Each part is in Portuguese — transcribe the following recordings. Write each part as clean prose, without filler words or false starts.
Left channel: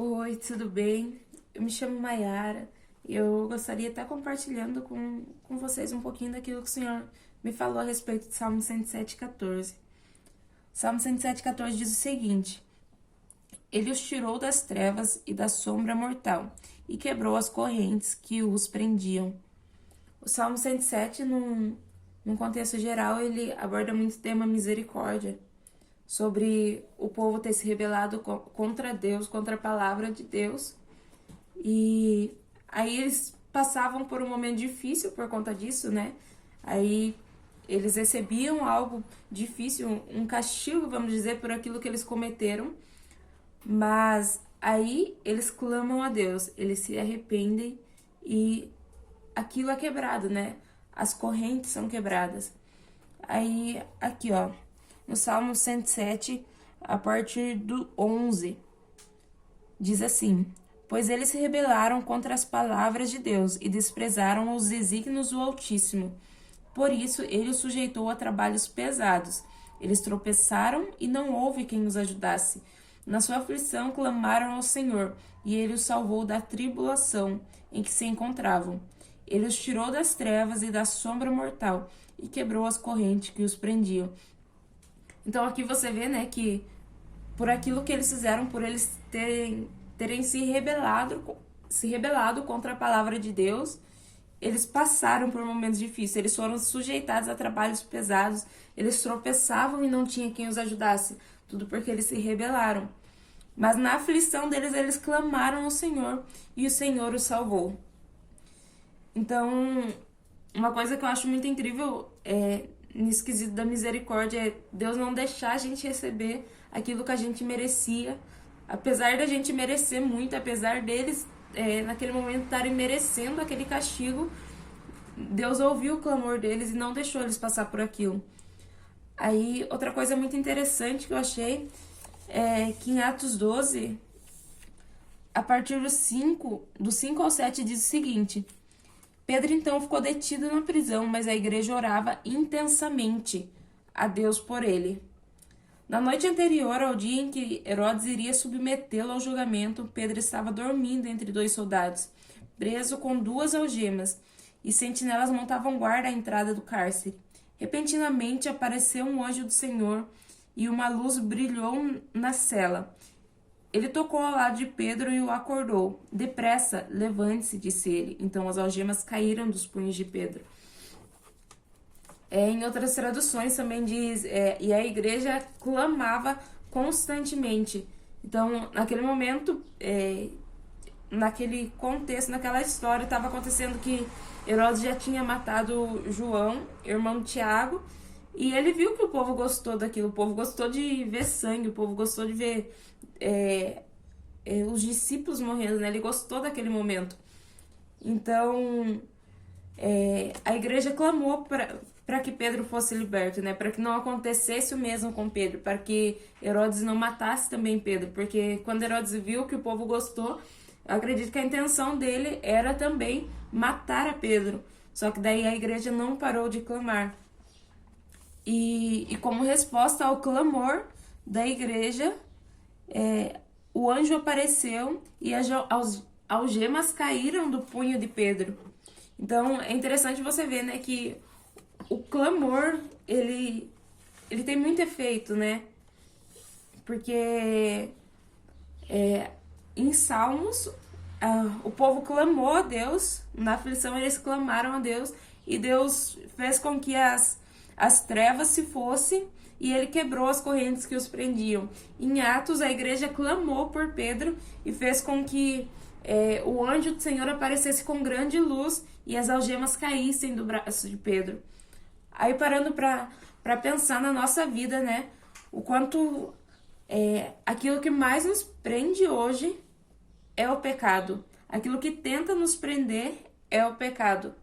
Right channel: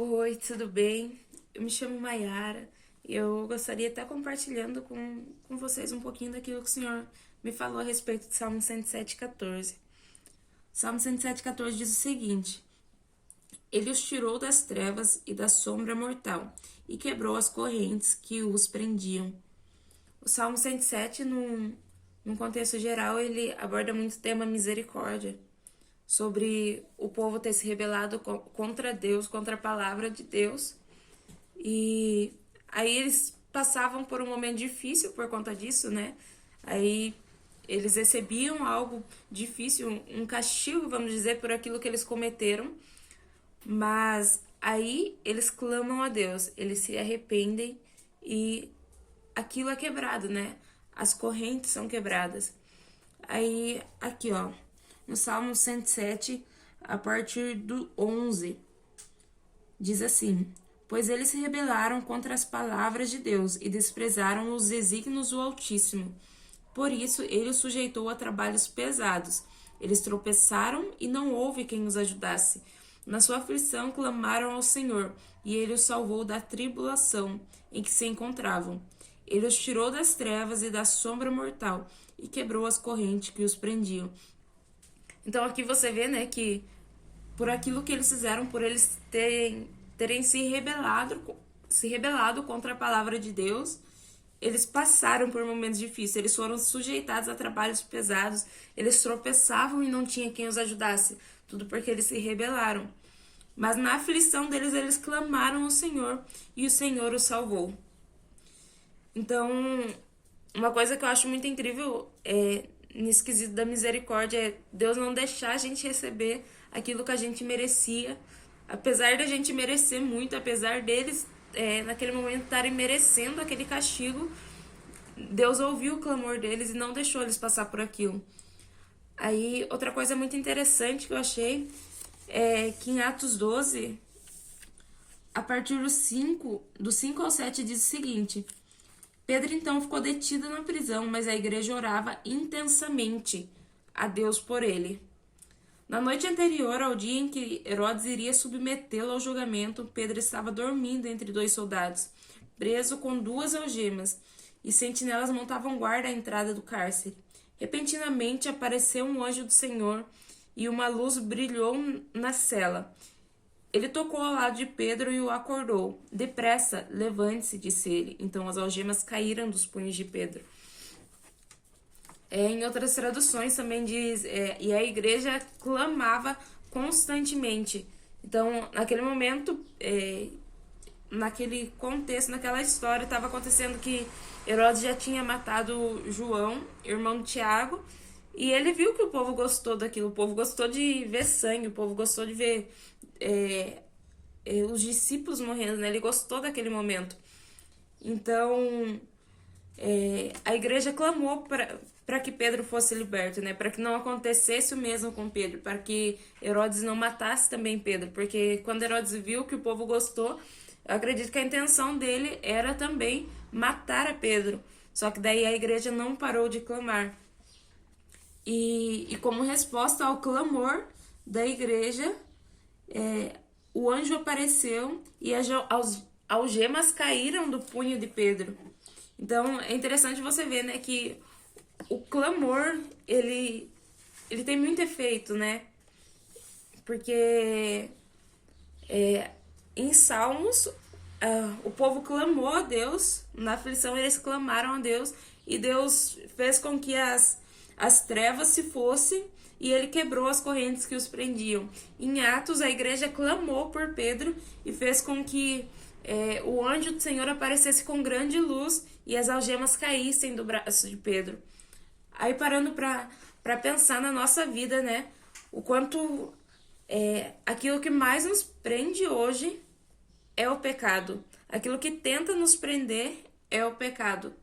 Oi, tudo bem? Eu me chamo Mayara e eu gostaria de estar compartilhando com vocês um pouquinho daquilo que o Senhor me falou a respeito de Salmo 107,14. Salmo 107,14 diz o seguinte: Ele os tirou das trevas e da sombra mortal e quebrou as correntes que os prendiam. O Salmo 107, num contexto geral, ele aborda muito o tema misericórdia, sobre o povo ter se rebelado contra Deus, contra a palavra de Deus. E aí eles passavam por um momento difícil por conta disso, né? Aí eles recebiam algo difícil, um castigo, vamos dizer, por aquilo que eles cometeram. Mas aí eles clamam a Deus, eles se arrependem e aquilo é quebrado, né? As correntes são quebradas. Aí, aqui, ó, no Salmo 107, a partir do 11, diz assim: Pois eles se rebelaram contra as palavras de Deus e desprezaram os desígnios do Altíssimo. Por isso, ele os sujeitou a trabalhos pesados. Eles tropeçaram e não houve quem os ajudasse. Na sua aflição, clamaram ao Senhor, e ele os salvou da tribulação em que se encontravam. Ele os tirou das trevas e da sombra mortal e quebrou as correntes que os prendiam. Então aqui você vê, né, que por aquilo que eles fizeram, por eles terem se rebelado contra a palavra de Deus, eles passaram por momentos difíceis, eles foram sujeitados a trabalhos pesados, eles tropeçavam e não tinha quem os ajudasse, tudo porque eles se rebelaram. Mas na aflição deles, eles clamaram ao Senhor e o Senhor os salvou. Então, uma coisa que eu acho muito incrível nesse quesito da misericórdia é Deus não deixar a gente receber aquilo que a gente merecia, apesar da gente merecer muito, apesar deles naquele momento estarem merecendo aquele castigo, Deus ouviu o clamor deles e não deixou eles passar por aquilo. Aí, outra coisa muito interessante que eu achei é que em Atos 12, a partir do 5 ao 7, diz o seguinte: Pedro então ficou detido na prisão, mas a igreja orava intensamente a Deus por ele. Na noite anterior ao dia em que Herodes iria submetê-lo ao julgamento, Pedro estava dormindo entre dois soldados, preso com duas algemas, e sentinelas montavam guarda à entrada do cárcere. Repentinamente apareceu um anjo do Senhor e uma luz brilhou na cela. Ele tocou ao lado de Pedro e o acordou. Depressa, levante-se, disse ele. Então as algemas caíram dos punhos de Pedro. Em outras traduções também diz, e a igreja clamava constantemente. Então, naquele momento, naquele contexto, naquela história, estava acontecendo que Herodes já tinha matado João, irmão de Tiago, e ele viu que o povo gostou daquilo, o povo gostou de ver sangue, o povo gostou de ver os discípulos morrendo, né? Ele gostou daquele momento. Então, a igreja clamou para que Pedro fosse liberto, né? Para que não acontecesse o mesmo com Pedro, para que Herodes não matasse também Pedro, porque quando Herodes viu que o povo gostou, eu acredito que a intenção dele era também matar a Pedro. Só que daí a igreja não parou de clamar. E como resposta ao clamor da igreja, o anjo apareceu e as algemas caíram do punho de Pedro. Então é interessante você ver, né, que o clamor ele tem muito efeito, né? Porque em Salmos o povo clamou a Deus, na aflição eles clamaram a Deus e Deus fez com que as trevas se fossem e ele quebrou as correntes que os prendiam. Em Atos, a igreja clamou por Pedro e fez com que o anjo do Senhor aparecesse com grande luz e as algemas caíssem do braço de Pedro. Aí parando para pensar na nossa vida, né? O quanto aquilo que mais nos prende hoje é o pecado. Aquilo que tenta nos prender é o pecado.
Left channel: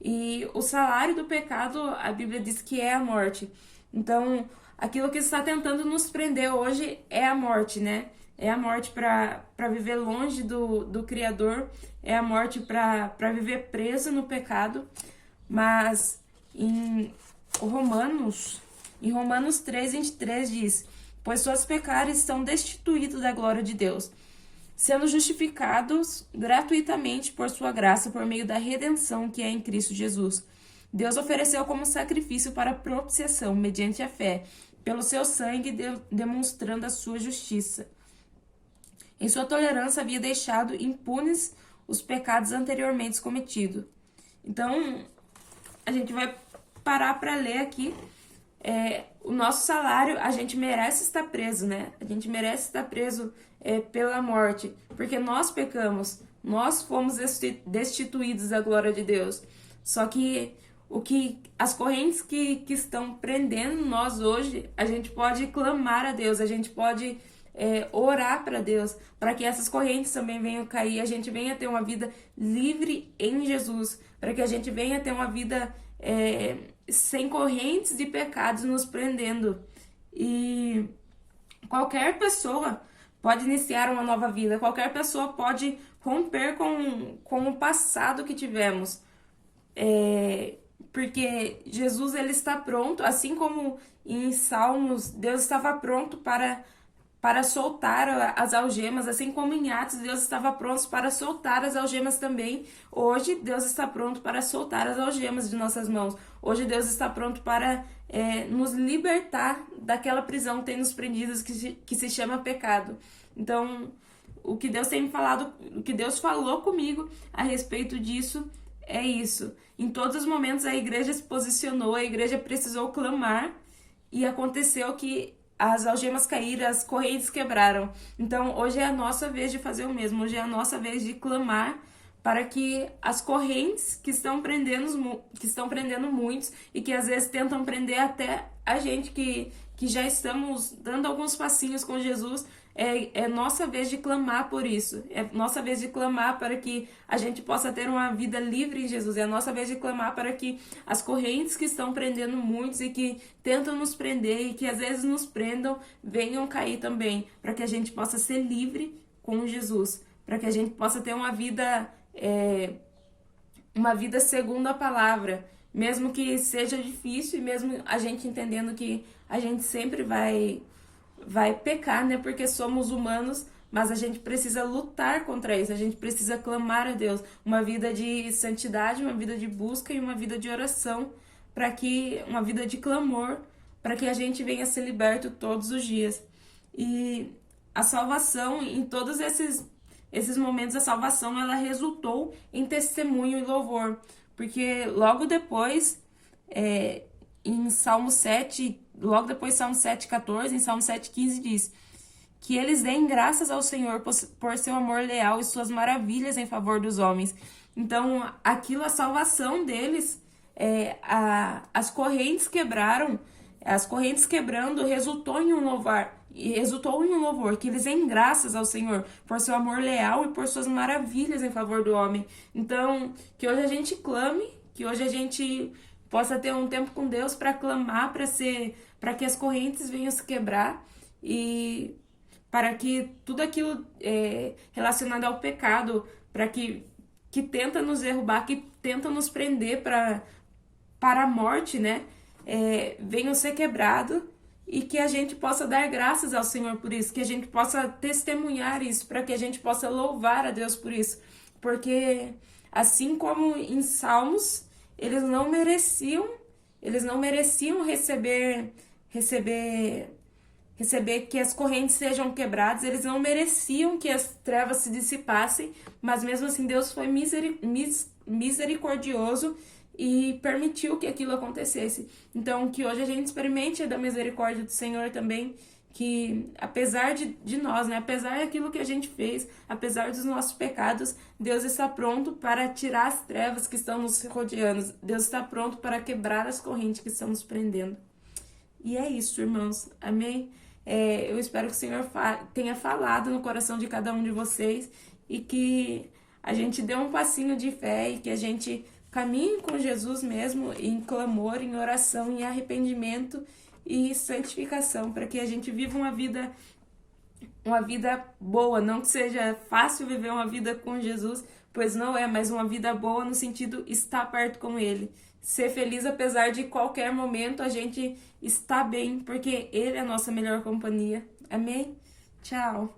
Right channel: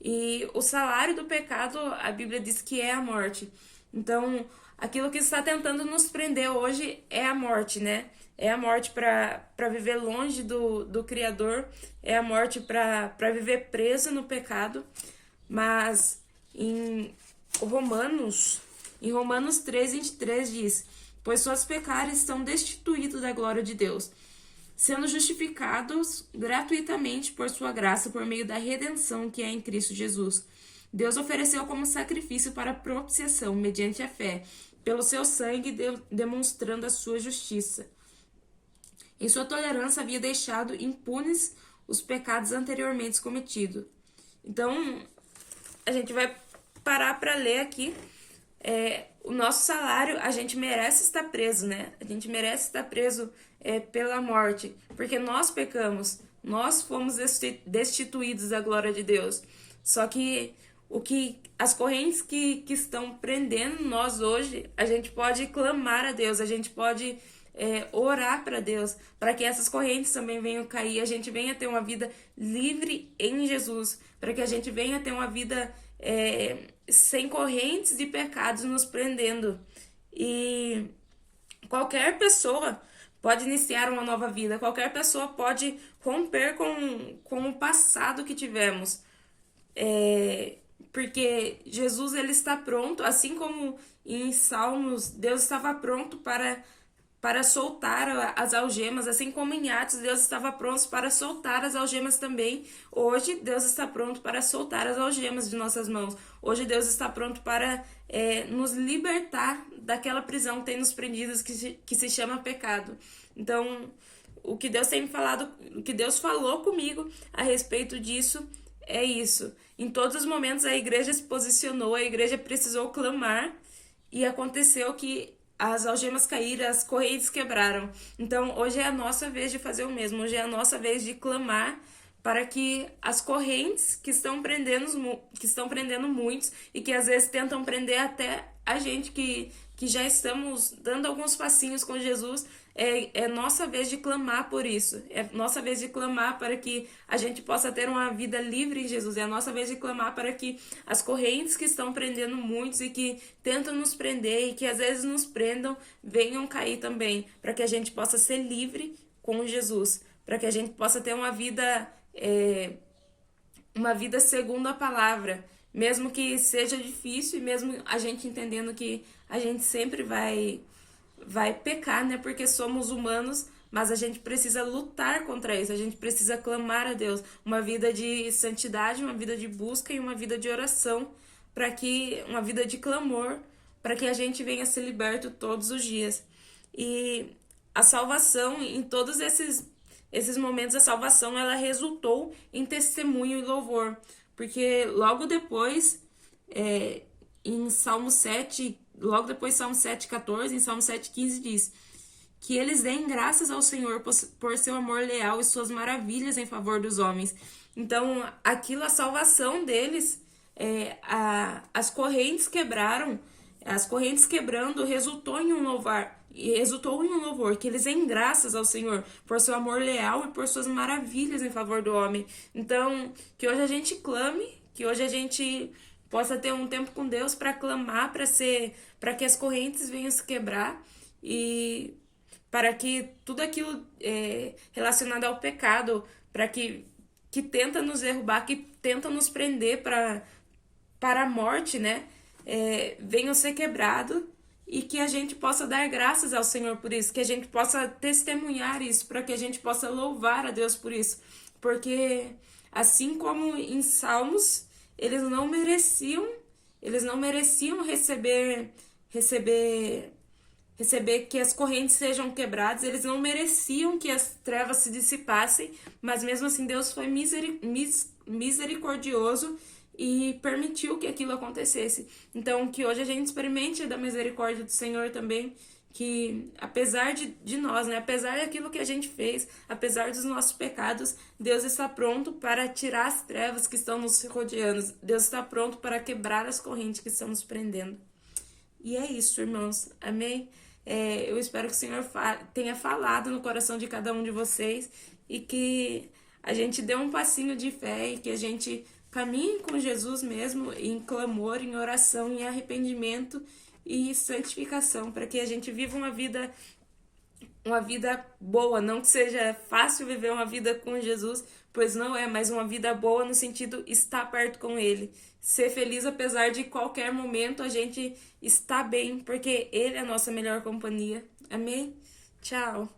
E o salário do pecado, a Bíblia diz que é a morte. Então, aquilo que está tentando nos prender hoje é a morte, né? É a morte para viver longe do Criador, é a morte para viver preso no pecado. Mas em Romanos 3:23 diz: Pois seus pecados estão destituídos da glória de Deus. sendo justificados gratuitamente por sua graça, por meio da redenção que é em Cristo Jesus. Deus ofereceu como sacrifício para propiciação, mediante a fé, pelo seu sangue, demonstrando a sua justiça. Em sua tolerância, havia deixado impunes os pecados anteriormente cometidos. Então, a gente vai parar para ler aqui. O nosso salário, a gente merece estar preso, né? A gente merece estar preso pela morte, porque nós pecamos, nós fomos destituídos da glória de Deus. Só que as correntes que estão prendendo nós hoje, a gente pode clamar a Deus, a gente pode orar para Deus, para que essas correntes também venham cair, a gente venha ter uma vida livre em Jesus, para que a gente venha ter uma vida sem correntes de pecados nos prendendo. E qualquer pessoa pode iniciar uma nova vida, qualquer pessoa pode romper com o passado que tivemos. Porque Jesus, ele está pronto, assim como em Salmos, Deus estava pronto para soltar as algemas, assim como em Atos, Deus estava pronto para soltar as algemas também. Hoje, Deus está pronto para soltar as algemas de nossas mãos. Hoje, Deus está pronto para nos libertar daquela prisão que tem nos prendidos, que se chama pecado. Então, o que Deus tem falado, o que Deus falou comigo a respeito disso é isso. Em todos os momentos a igreja se posicionou, a igreja precisou clamar e aconteceu que as algemas caíram, as correntes quebraram. Então, hoje é a nossa vez de fazer o mesmo. Hoje é a nossa vez de clamar para que as correntes que estão prendendo muitos e que às vezes tentam prender até a gente que já estamos dando alguns passinhos com Jesus, é nossa vez de clamar por isso. É nossa vez de clamar para que a gente possa ter uma vida livre em Jesus. É nossa vez de clamar para que as correntes que estão prendendo muitos e que tentam nos prender e que às vezes nos prendam, venham cair também. Para que a gente possa ser livre com Jesus. Para que a gente possa ter uma vida segundo a palavra. Mesmo que seja difícil e mesmo a gente entendendo que a gente sempre vai pecar, né? Porque somos humanos, mas a gente precisa lutar contra isso, a gente precisa clamar a Deus. Uma vida de santidade, uma vida de busca e uma vida de oração, uma vida de clamor, para que a gente venha ser liberto todos os dias. E a salvação, em todos esses momentos, a salvação, ela resultou em testemunho e louvor. Porque logo depois, em Salmo 7, logo depois Salmo 7,14, em Salmo 7,15 diz que eles deem graças ao Senhor por seu amor leal e suas maravilhas em favor dos homens. Então, a salvação deles, as correntes quebraram, as correntes quebrando resultou em um louvor, que eles deem graças ao Senhor por seu amor leal e por suas maravilhas em favor do homem. Então, que hoje a gente clame, que hoje a gente possa ter um tempo com Deus para clamar, para que as correntes venham se quebrar e para que tudo aquilo relacionado ao pecado, para que tenta nos derrubar, que tenta nos prender para a morte, né? Venham ser quebrado e que a gente possa dar graças ao Senhor por isso, que a gente possa testemunhar isso, para que a gente possa louvar a Deus por isso, porque assim como em Salmos, eles não mereciam receber que as correntes sejam quebradas, eles não mereciam que as trevas se dissipassem, mas mesmo assim Deus foi misericordioso e permitiu que aquilo acontecesse. Então, que hoje a gente experimente da misericórdia do Senhor também, que apesar de nós, né, apesar daquilo que a gente fez, apesar dos nossos pecados, Deus está pronto para tirar as trevas que estão nos rodeando. Deus está pronto para quebrar as correntes que estão nos prendendo. E é isso, irmãos. Amém? Eu espero que o Senhor tenha falado no coração de cada um de vocês e que a gente dê um passinho de fé e que a gente caminhe com Jesus mesmo em clamor, em oração, em arrependimento e santificação, para que a gente viva uma vida boa, não que seja fácil viver uma vida com Jesus, pois não é, mas uma vida boa no sentido estar perto com Ele, ser feliz apesar de qualquer momento a gente estar bem, porque Ele é a nossa melhor companhia. Amém? Tchau!